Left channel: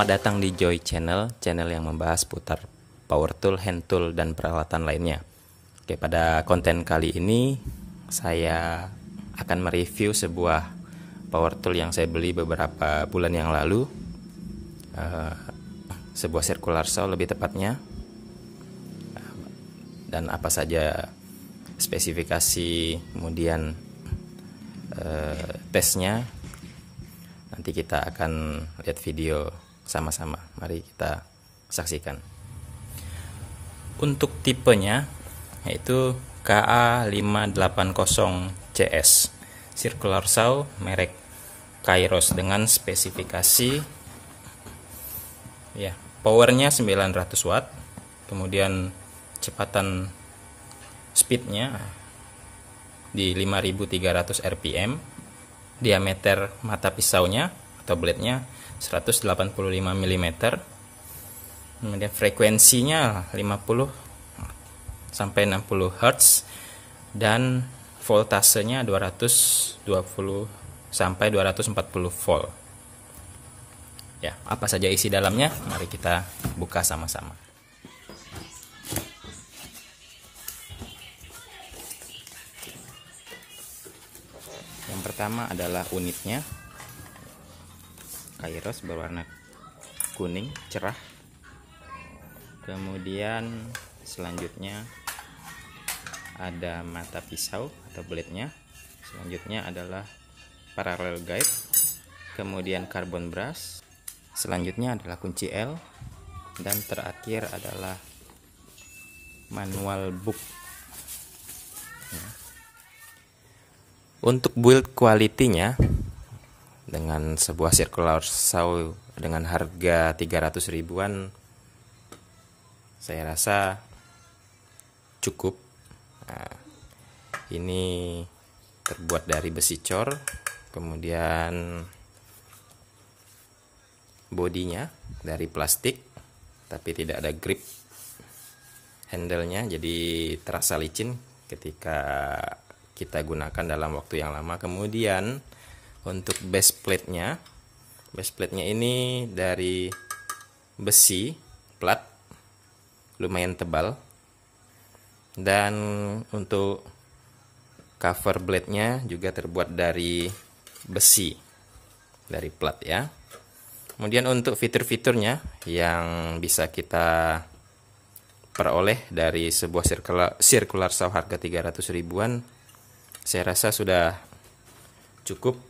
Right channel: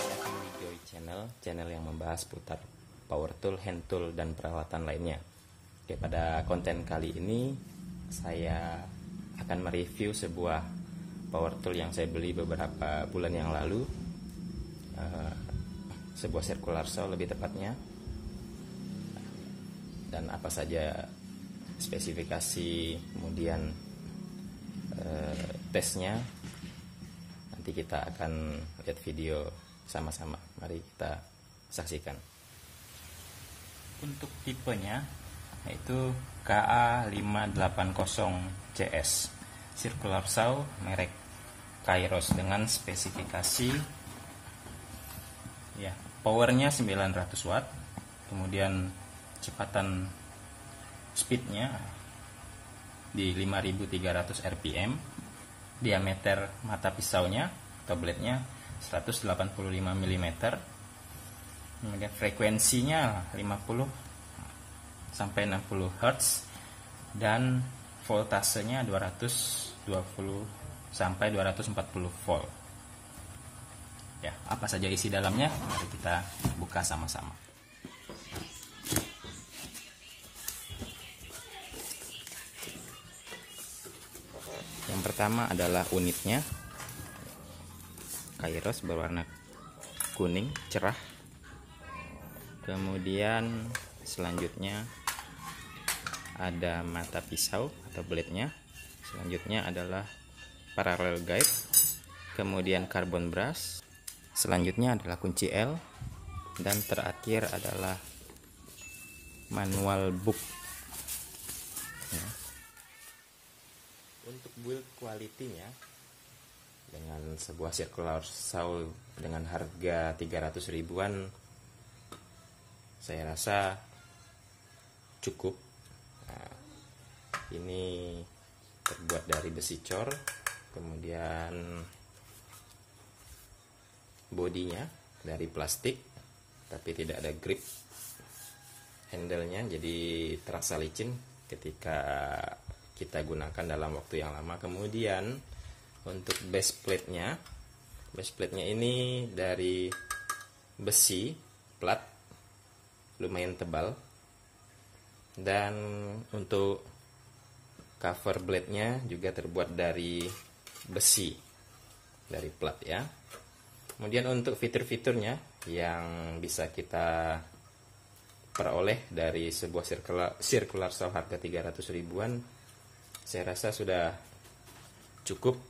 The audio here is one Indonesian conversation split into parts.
Selamat datang di Joy Channel, channel yang membahas putar power tool, hand tool, dan peralatan lainnya. Oke, pada konten kali ini saya akan mereview sebuah power tool yang saya beli beberapa bulan yang lalu, sebuah circular saw lebih tepatnya, dan apa saja spesifikasi, kemudian tesnya. Nanti kita akan lihat video sama-sama. Mari kita saksikan. Untuk tipenya yaitu KA580CS circular saw merek Kairos dengan spesifikasi ya, powernya 900 watt, kemudian kecepatan speednya di 5300 rpm, diameter mata pisaunya atau blade-nya 185 mm, kemudian frekuensinya 50 sampai 60 Hz, dan voltasenya 220 sampai 240 volt. Ya, apa saja isi dalamnya? Mari kita buka sama-sama. Yang pertama adalah unitnya, Kairos berwarna kuning cerah. Kemudian selanjutnya ada mata pisau atau blade-nya. Selanjutnya adalah parallel guide, kemudian carbon brush. Selanjutnya adalah kunci L, dan terakhir adalah manual book. Ya. Untuk build quality-nya, dengan sebuah circular saw dengan harga 300 ribuan, saya rasa cukup. Nah, ini terbuat dari besi cor, kemudian bodinya dari plastik tapi tidak ada grip handle-nya, jadi terasa licin ketika kita gunakan dalam waktu yang lama. Kemudian untuk base plate-nya ini dari besi plat lumayan tebal, dan untuk cover blade-nya juga terbuat dari besi dari plat ya. Kemudian untuk fitur-fiturnya yang bisa kita peroleh dari sebuah circular saw harga 300 ribuan, saya rasa sudah cukup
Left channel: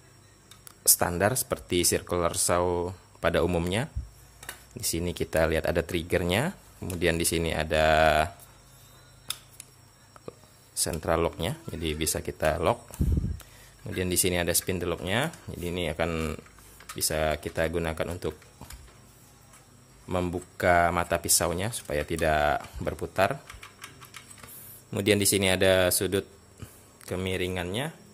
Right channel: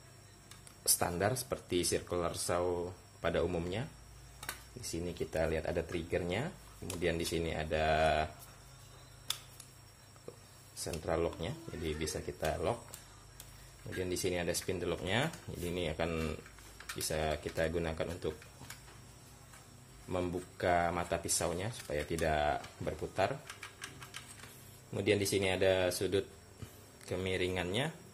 standar seperti circular saw pada umumnya. Di sini kita lihat ada triggernya, kemudian di sini ada central locknya, jadi bisa kita lock. Kemudian di sini ada spindle locknya, jadi ini akan bisa kita gunakan untuk membuka mata pisaunya supaya tidak berputar. Kemudian di sini ada sudut kemiringannya,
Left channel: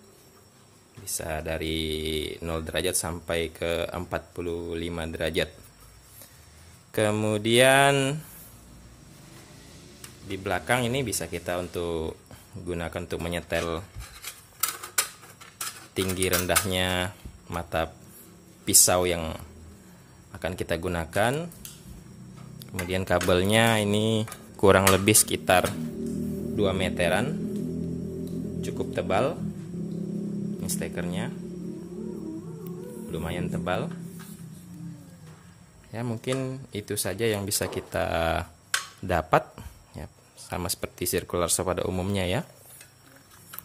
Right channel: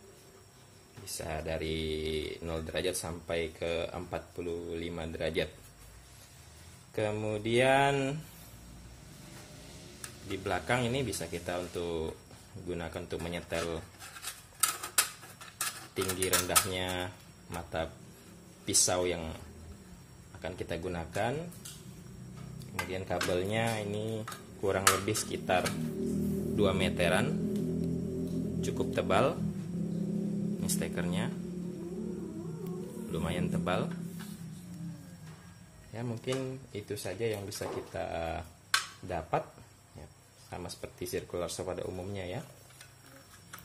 bisa dari 0 derajat sampai ke 45 derajat. Kemudian di belakang ini bisa kita untuk gunakan untuk menyetel tinggi rendahnya mata pisau yang akan kita gunakan. Kemudian kabelnya ini kurang lebih sekitar 2 meteran, cukup tebal. Ini stekernya lumayan tebal ya. Mungkin itu saja yang bisa kita dapat ya, sama seperti circular saw pada umumnya ya.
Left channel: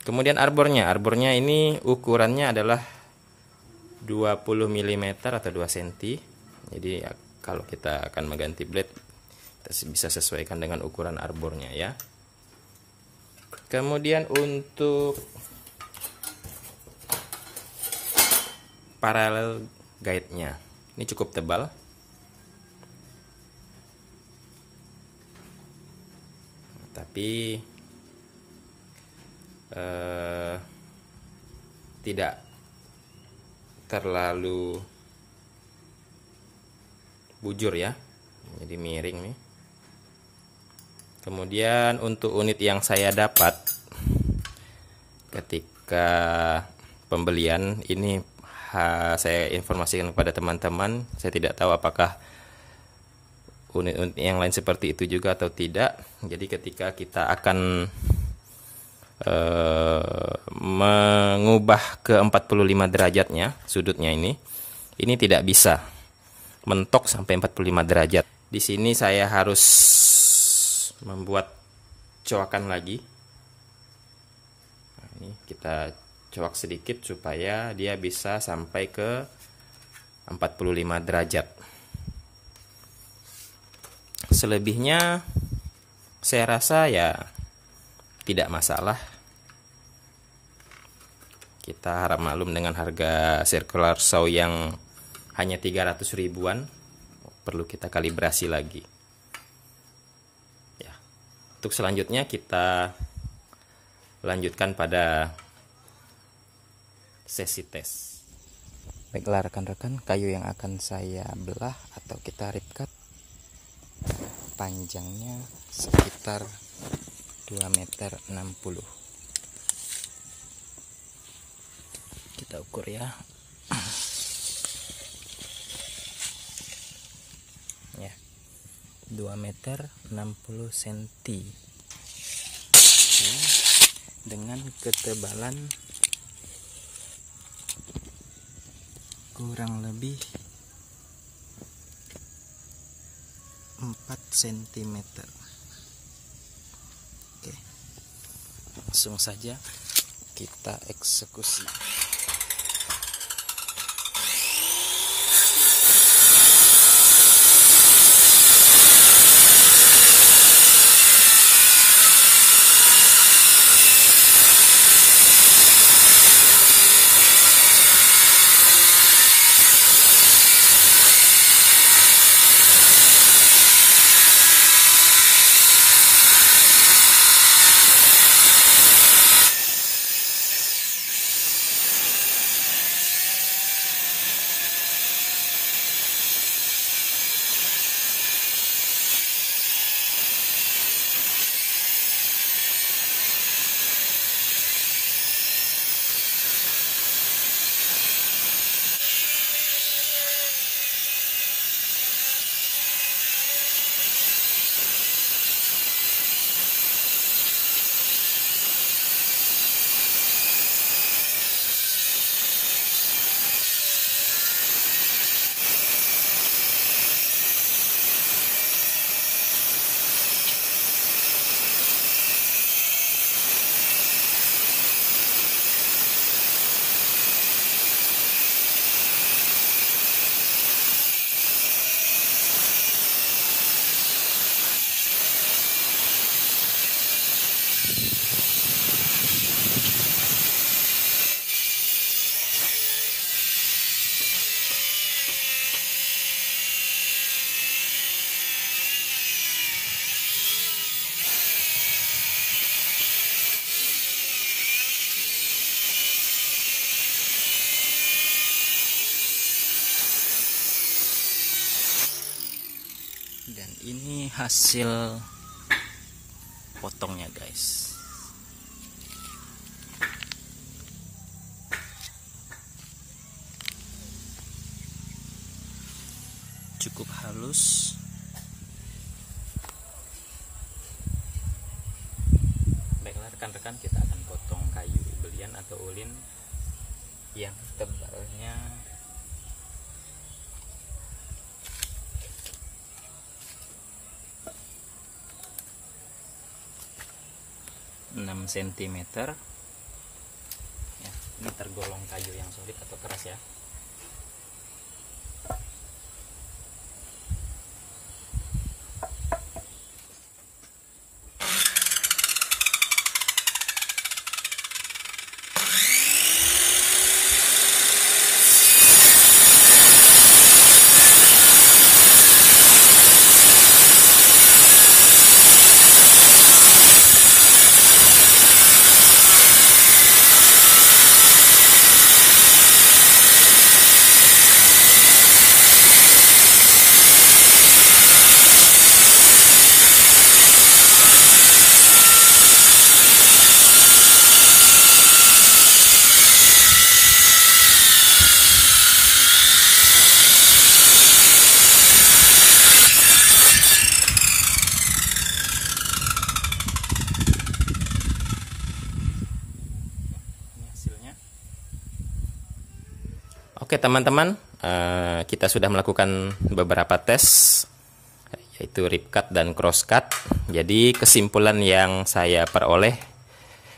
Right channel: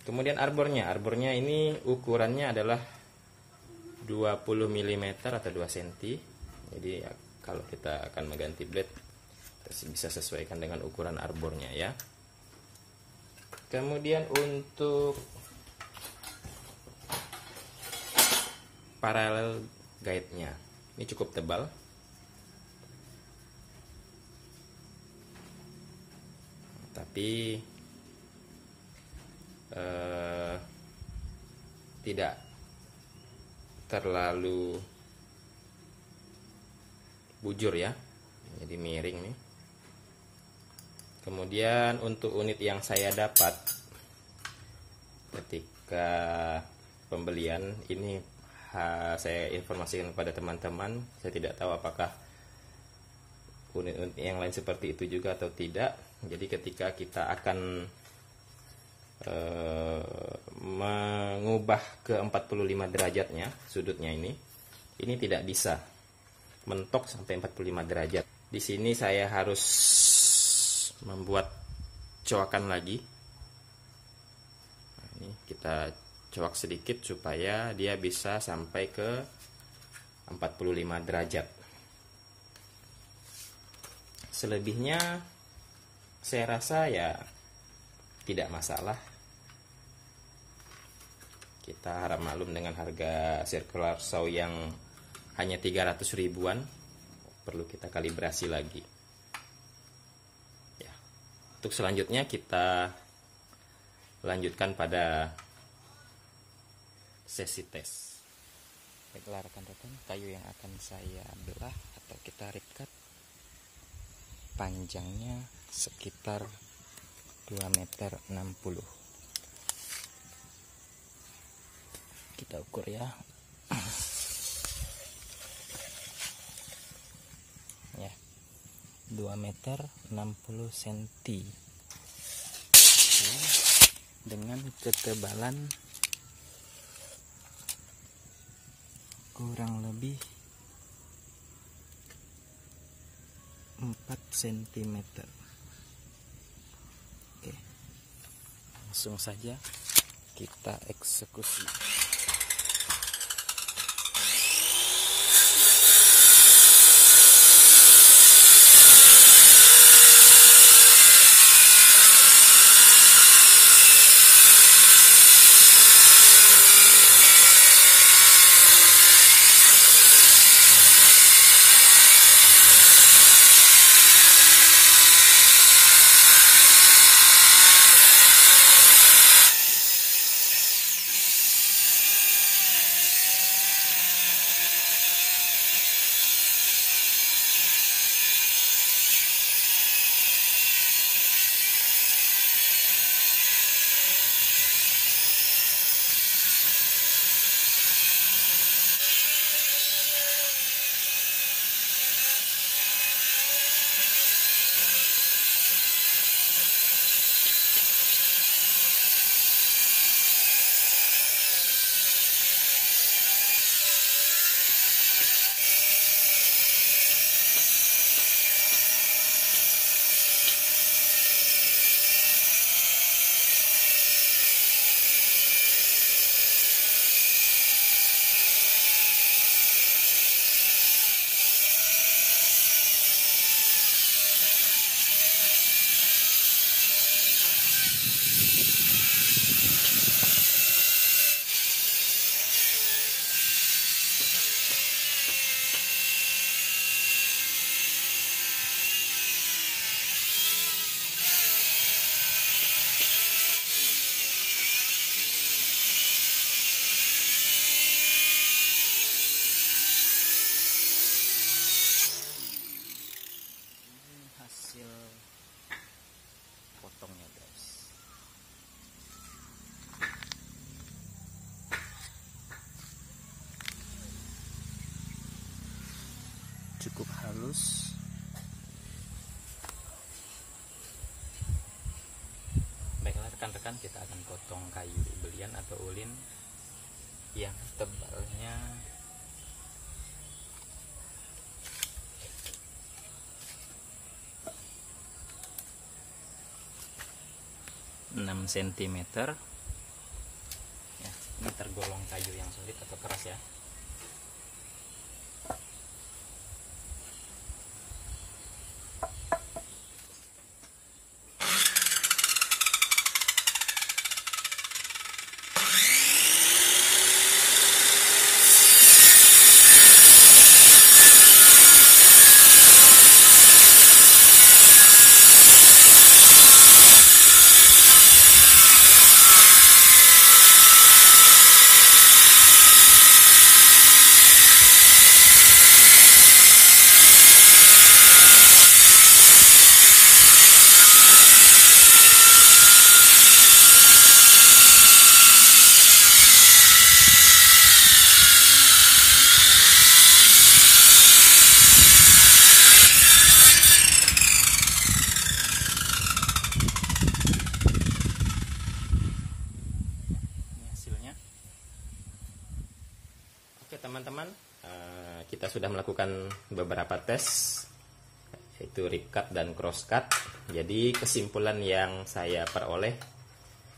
Kemudian arbornya ini ukurannya adalah 20 mm atau 2 cm. Jadi ya, kalau kita akan mengganti blade, kita bisa sesuaikan dengan ukuran arbornya ya. Kemudian untuk parallel guide-nya ini cukup tebal, tapi tidak terlalu bujur ya, jadi miring nih. Kemudian untuk unit yang saya dapat ketika pembelian ini, saya informasikan kepada teman-teman, saya tidak tahu apakah unit-unit yang lain seperti itu juga atau tidak. Jadi ketika kita akan mengubah ke 45 derajatnya sudutnya ini tidak bisa mentok sampai 45 derajat. Di sini saya harus membuat coakan lagi. Nah, ini kita coak sedikit supaya dia bisa sampai ke 45 derajat. Selebihnya saya rasa ya tidak masalah. Kita harap maklum dengan harga circular saw yang hanya 300 ribuan. Perlu kita kalibrasi lagi. Ya. Untuk selanjutnya kita lanjutkan pada sesi tes. Baiklah rekan-rekan, kayu yang akan saya belah atau kita rip cut panjangnya sekitar 2,60 meter. Kita ukur ya. Ya, 2,60 meter dengan ketebalan kurang lebih 4 cm. Oke, langsung saja kita eksekusi. Ini hasil potongnya guys. Cukup halus. Baiklah rekan-rekan, kita akan potong kayu belian atau ulin yang tebalnya 6 cm ya. Ini tergolong kayu yang solid atau keras ya. Oke teman-teman, kita sudah melakukan beberapa tes, yaitu rip cut dan cross cut. Jadi kesimpulan yang saya peroleh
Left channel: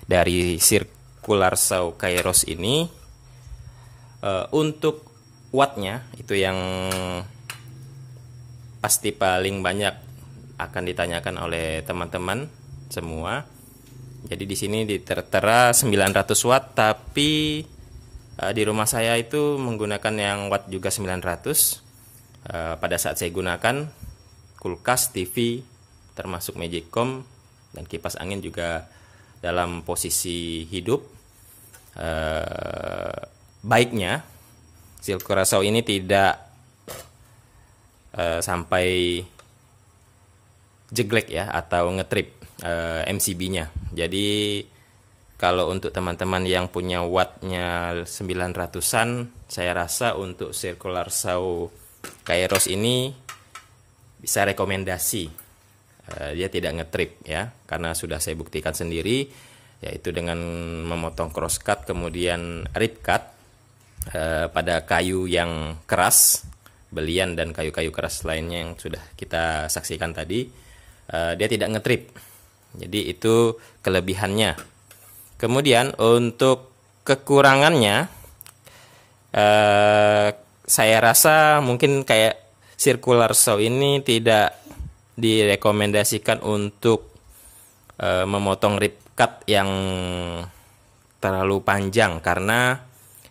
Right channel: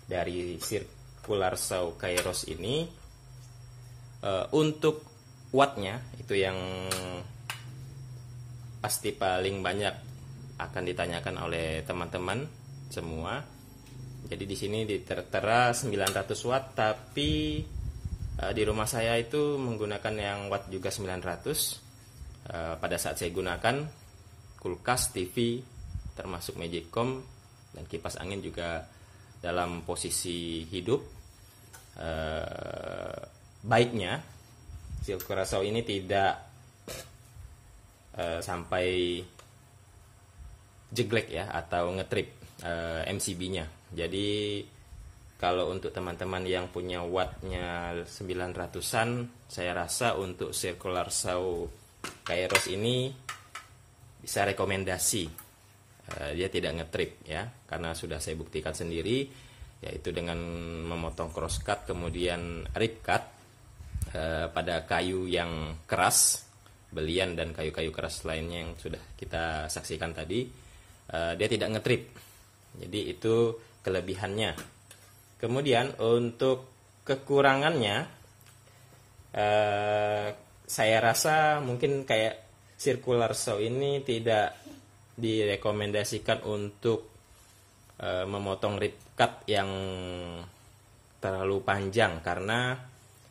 dari circular saw Kairos ini, untuk wattnya itu yang pasti paling banyak akan ditanyakan oleh teman-teman semua. Jadi di sini tertera 900 watt, tapi di rumah saya itu menggunakan yang watt juga 900. Pada saat saya gunakan kulkas, TV, termasuk Magicom dan kipas angin juga dalam posisi hidup. Baiknya circular saw ini tidak sampai jeglek ya, atau ngetrip MCB-nya. Jadi kalau untuk teman-teman yang punya wattnya 900-an, saya rasa untuk circular saw Kairos ini bisa rekomendasi. Dia tidak ngetrip ya, karena sudah saya buktikan sendiri, yaitu dengan memotong cross cut kemudian rip cut pada kayu yang keras, belian dan kayu-kayu keras lainnya yang sudah kita saksikan tadi, dia tidak ngetrip. Jadi itu kelebihannya. Kemudian untuk kekurangannya, saya rasa mungkin kayak circular saw ini tidak direkomendasikan untuk memotong rip cut yang terlalu panjang, karena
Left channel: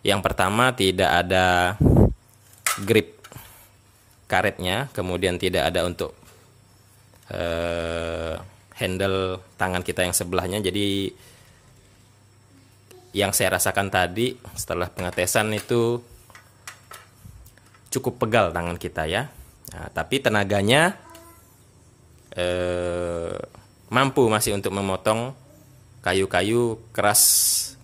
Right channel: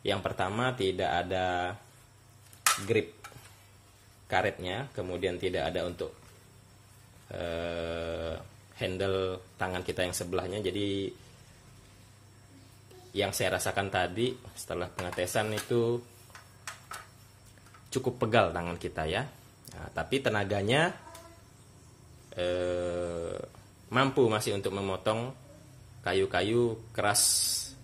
yang pertama tidak ada grip karetnya, kemudian tidak ada untuk handle tangan kita yang sebelahnya. Jadi yang saya rasakan tadi setelah pengetesan itu cukup pegal tangan kita ya. Nah, tapi tenaganya mampu masih untuk memotong kayu-kayu keras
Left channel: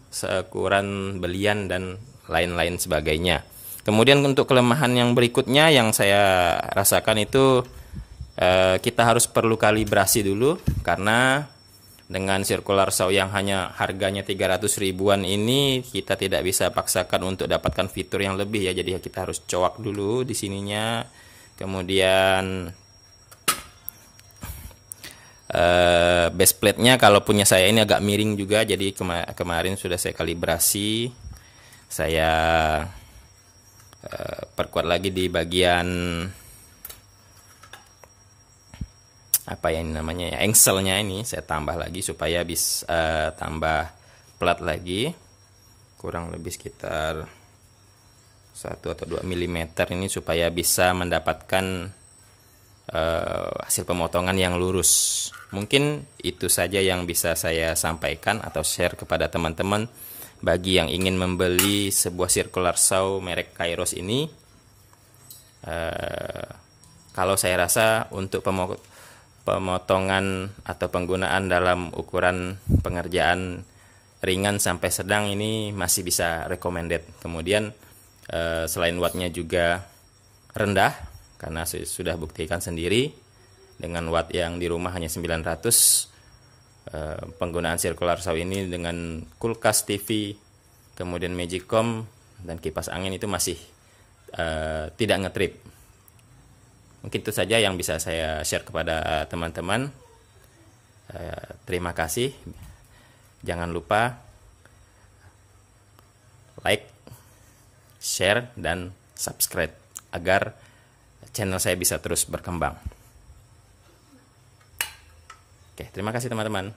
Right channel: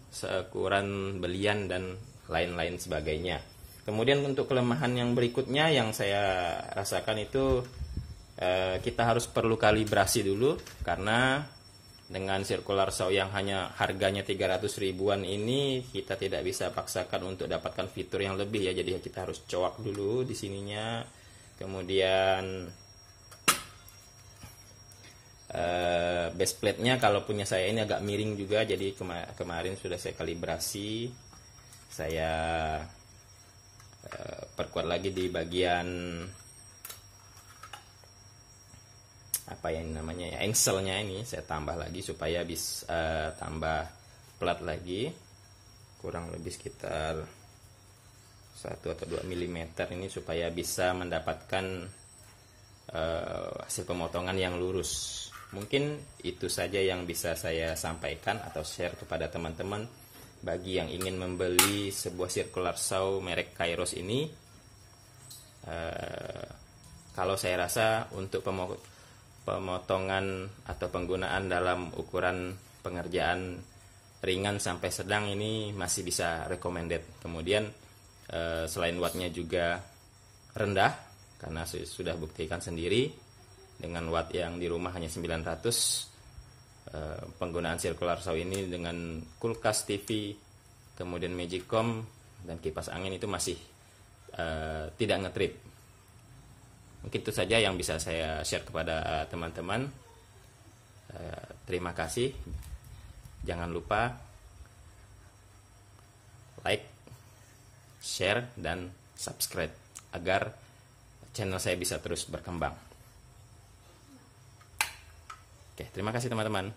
seukuran belian dan lain-lain sebagainya. Kemudian untuk kelemahan yang berikutnya yang saya rasakan itu, kita harus perlu kalibrasi dulu, karena dengan circular saw yang hanya harganya 300 ribuan ini, kita tidak bisa paksakan untuk dapatkan fitur yang lebih ya. Jadi kita harus coak dulu di sininya. Kemudian base plate-nya kalau punya saya ini agak miring juga. Jadi kemarin sudah saya kalibrasi. Saya perkuat lagi di bagian apa yang namanya ya, engselnya ini saya tambah lagi supaya bisa tambah plat lagi, kurang lebih sekitar 1 atau 2 mm ini, supaya bisa mendapatkan hasil pemotongan yang lurus. Mungkin itu saja yang bisa saya sampaikan atau share kepada teman-teman bagi yang ingin membeli sebuah circular saw merek Kairos ini. Kalau saya rasa untuk pemotongan atau penggunaan dalam ukuran pengerjaan ringan sampai sedang ini masih bisa recommended. Kemudian selain wattnya juga rendah, karena sudah buktikan sendiri dengan watt yang di rumah hanya 900, penggunaan circular saw ini dengan kulkas, TV, kemudian Magicom dan kipas angin itu masih tidak ngetrip. Mungkin itu saja yang bisa saya share kepada teman-teman. Terima kasih. Jangan lupa like, share, dan subscribe agar channel saya bisa terus berkembang. Oke, terima kasih teman-teman.